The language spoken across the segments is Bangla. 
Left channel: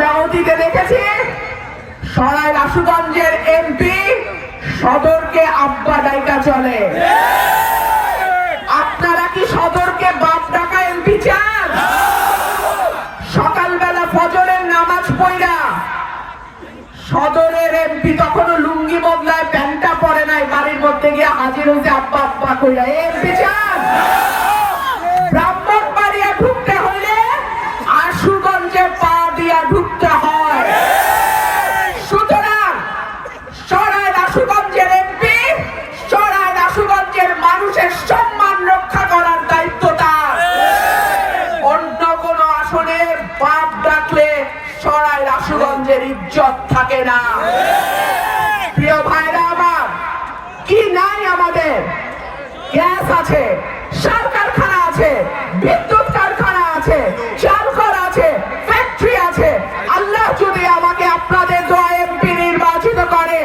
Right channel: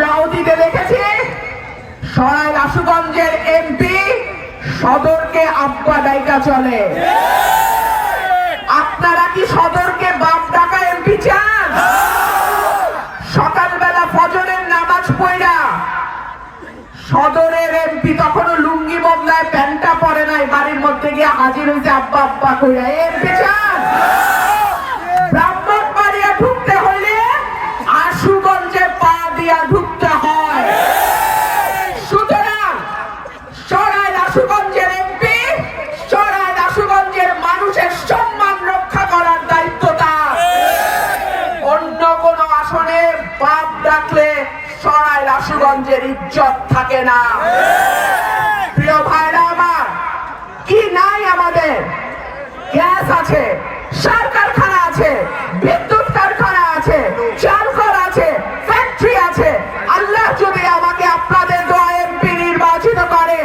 আমরা অতীতে দেখেছি সরাইল আশুগঞ্জের এমপি সদরকে আব্বা ডাইকা চলে। আপনারা কি সদরকে বাপ ডাকা এমপি চান? সকালবেলা ফজরের নামাজ পড়া সদরের এমপি তখনও লুঙ্গি বদলায় প্যান্টটা পরে নাই, বাড়ির মধ্যে গিয়ে হাজির হয়েছে আব্বা আব্বা কইরা। এমপি চান? ব্রাহ্মণবাড়িয়া ঢুকতে হলে আশুগঞ্জে পা দিয়া ঢুকতে হয়। সুতরাং সরাইল আশুগঞ্জের এমপি সরাইল আশুগঞ্জের মানুষের সম্মান রক্ষা করার দায়িত্ব তার। অন্য কোন আসনে বাপ ডাকলে সরাইল আশুগঞ্জের ইজ্জত থাকে না। প্রিয় ভাইরা আমার, কি নাই আমাদের? গ্যাস আছে, সার কারখানা আছে, বিদ্যুৎ কারখানা আছে, চাল কল আছে, ফ্যাক্টরি আছে। আল্লাহ যদি আমাকে আপনাদের দোয়া এমপি নির্বাচিত করে,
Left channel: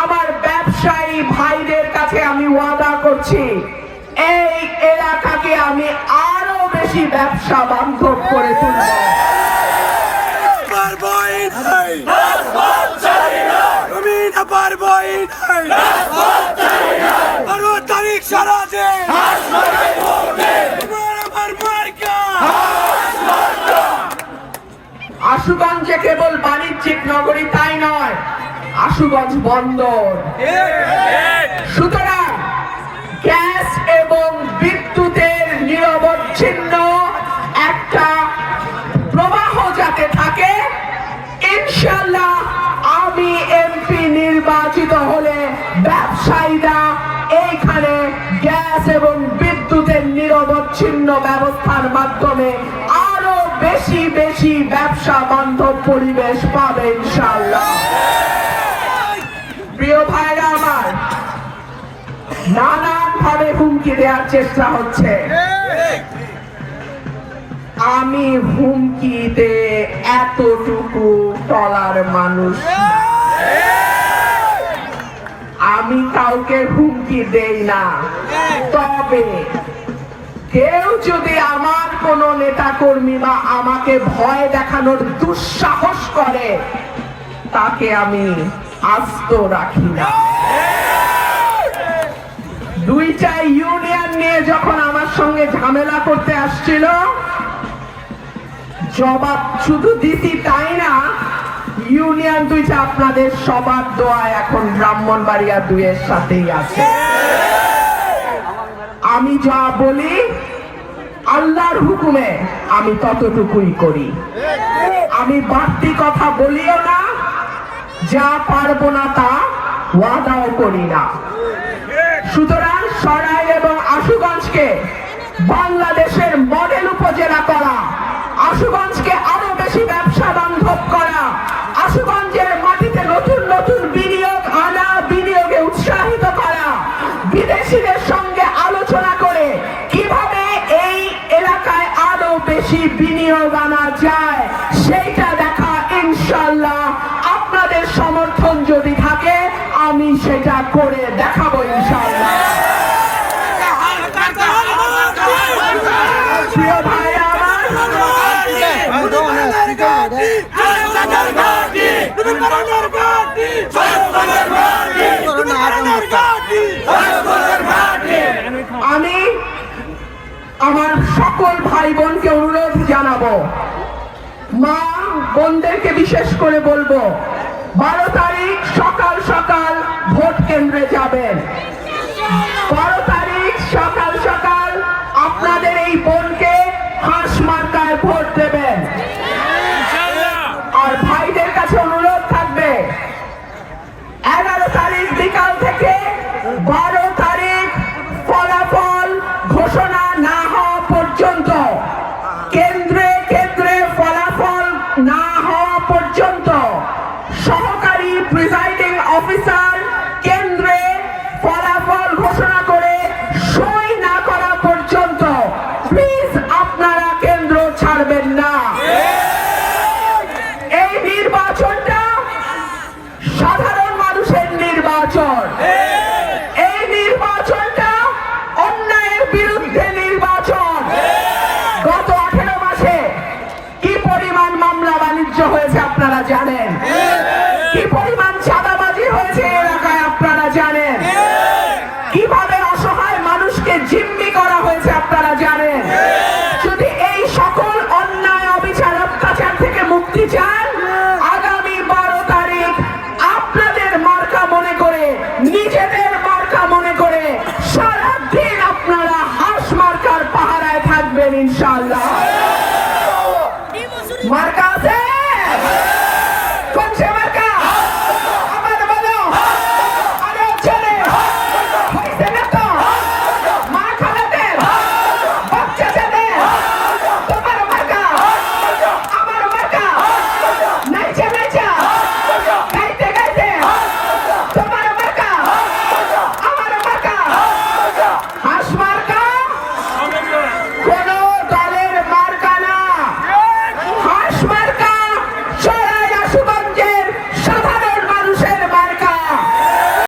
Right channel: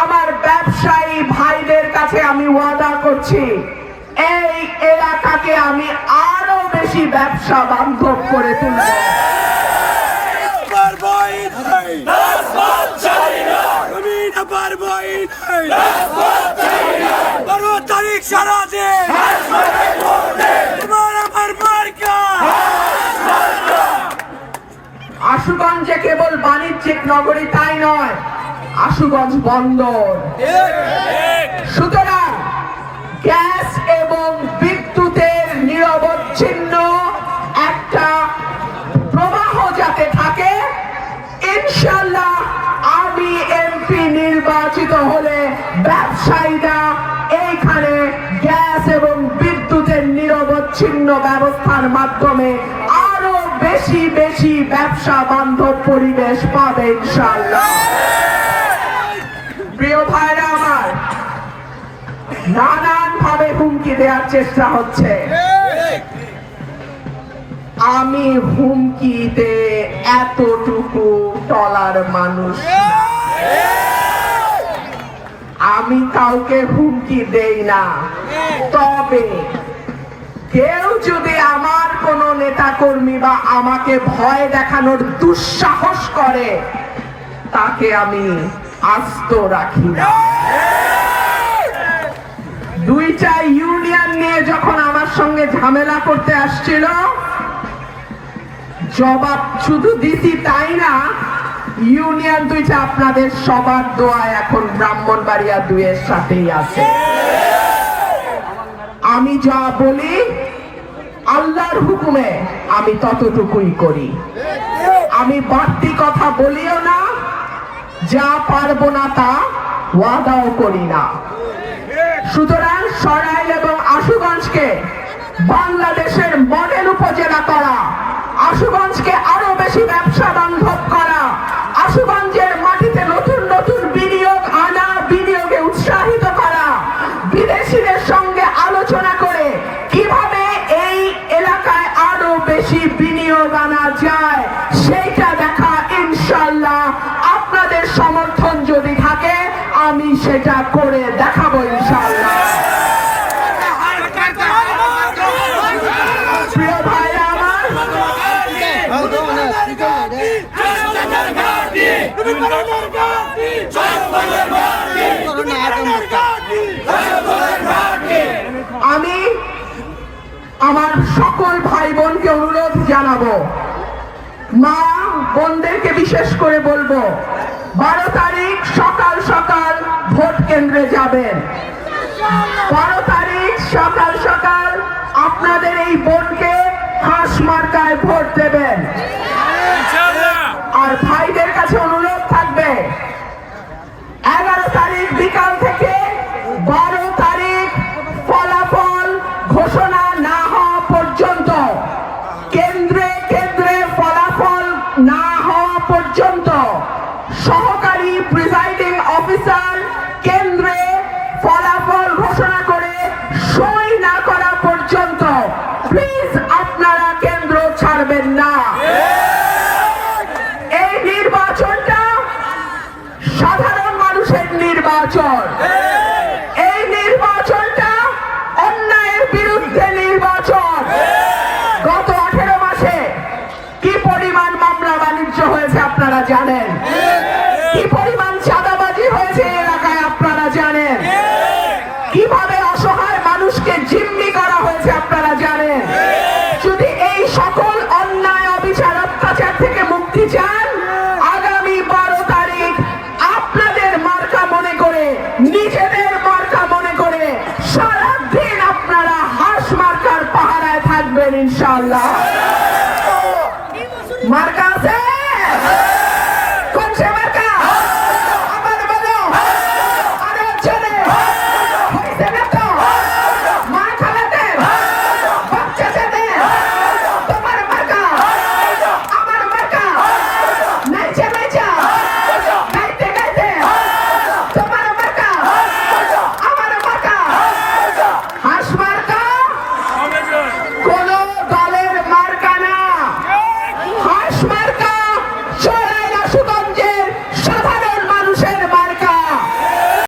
আমার ব্যবসায়ী ভাইদের কাছে আমি ওয়াদা করছি এই এলাকাকে আমি আরো বেশি ব্যবসা বান্ধব করে তুলব। আশুগঞ্জে কেবল বাণিজ্যিক নগরী তাই নয়, আশুগঞ্জ বন্দর। সুতরাং গ্যাস এবং বিদ্যুতের নিরবচ্ছিন্ন একটা প্রবাহ যাতে থাকে, ইনশাআল্লাহ আমি এমপি নির্বাচিত হলে ব্যবসায়ীরা এইখানে গ্যাস এবং বিদ্যুতের নিরবচ্ছিন্ন ব্যবস্থার মাধ্যমে আরো বেশি বেশি ব্যবসা বান্ধব পরিবেশ পাবে ইনশাআল্লাহ। প্রিয় ভাইরা আমার, নানান ভাবে হুমকি দেওয়ার চেষ্টা হচ্ছে। আমি হুমকিতে এতটুকু টলার মানুষ, আমি কাউকে হুমকি দেই না। তবে কেউ যদি আমার কোন নেতা কর্মী বা আমাকে ভয় দেখানোর দুঃসাহস করে, তাকে আমি আস্ত রাখি না। দুইটা ইউনিয়ন নিয়ে যখন আমার সঙ্গে ঝামেলা করতে আসছিল, জবাব শুধু দিছি তাই না, ইউনিয়ন দুইটা আপনাদের সবার দোয়ায় এখন ব্রাহ্মণবাড়িয়া 2-এর সাথেই আছে। আমি যা বলি আল্লাহর হুকুমে আমি ততটুকুই করি। আমি বাড়তি কথা বলিও না, যা পারবো না তা ওয়াদাও করি না। সুতরাং সরাইল এবং আশুগঞ্জকে বাংলাদেশের মডেল উপজেলা করা, আশুগঞ্জকে আরো বেশি ব্যবসা বান্ধব করা, আশুগঞ্জের মাটিতে নতুন নতুন বিনিয়োগ আনা, বিনিয়োগে উৎসাহিত করা, বিদেশিদের সঙ্গে আলোচনা করে কিভাবে এই এলাকায় আরো বেশি বিনিয়োগ আনা যায় সেইটা দেখা। ইনশাআল্লাহ আপনাদের সমর্থন যদি থাকে আমি সেটা করে দেখাবো ইনশাআল্লাহ। প্রিয় ভাইরা আমার, আমি আমার সকল ভাই বোনকে অনুরোধ জানাবো, মা বোনদেরকে বিশেষ করে বলবো, 12 তারিখ সকাল সকাল ভোট কেন্দ্রে যাবেন। 12 তারিখ সকাল সকাল আপনাদের এই বোনকে হাঁস মার্কায় ভোট দেবেন। আর ভাইদের কাছে অনুরোধ থাকবে, 11 তারিখ বিকাল থেকে 12 তারিখ ফলাফল ঘোষণা না হওয়া পর্যন্ত, কেন্দ্রে কেন্দ্রে ফলাফল না হওয়া পর্যন্ত, সহকারী প্রিসাইডিং অফিসার কেন্দ্রে ফলাফল ঘোষণা করে সই না করা পর্যন্ত প্লিজ আপনারা কেন্দ্র ছাড়বেন না। এই নির্বাচনটা সাধারণ মানুষের নির্বাচন। এই নির্বাচনটা অন্যায়ের বিরুদ্ধে নির্বাচন। গত 18 মাসে কি পরিমাণ মামলা বাণিজ্য হয়েছে আপনারা জানেন, কি পরিমাণ চাঁদাবাজি হয়েছে এই এলাকায় আপনারা জানেন, কিভাবে অসহায় মানুষকে জিম্মি করা হয়েছে আপনারা জানেন। যদি এই সকল অন্যায় অবিচার অত্যাচার থেকে মুক্তি চান,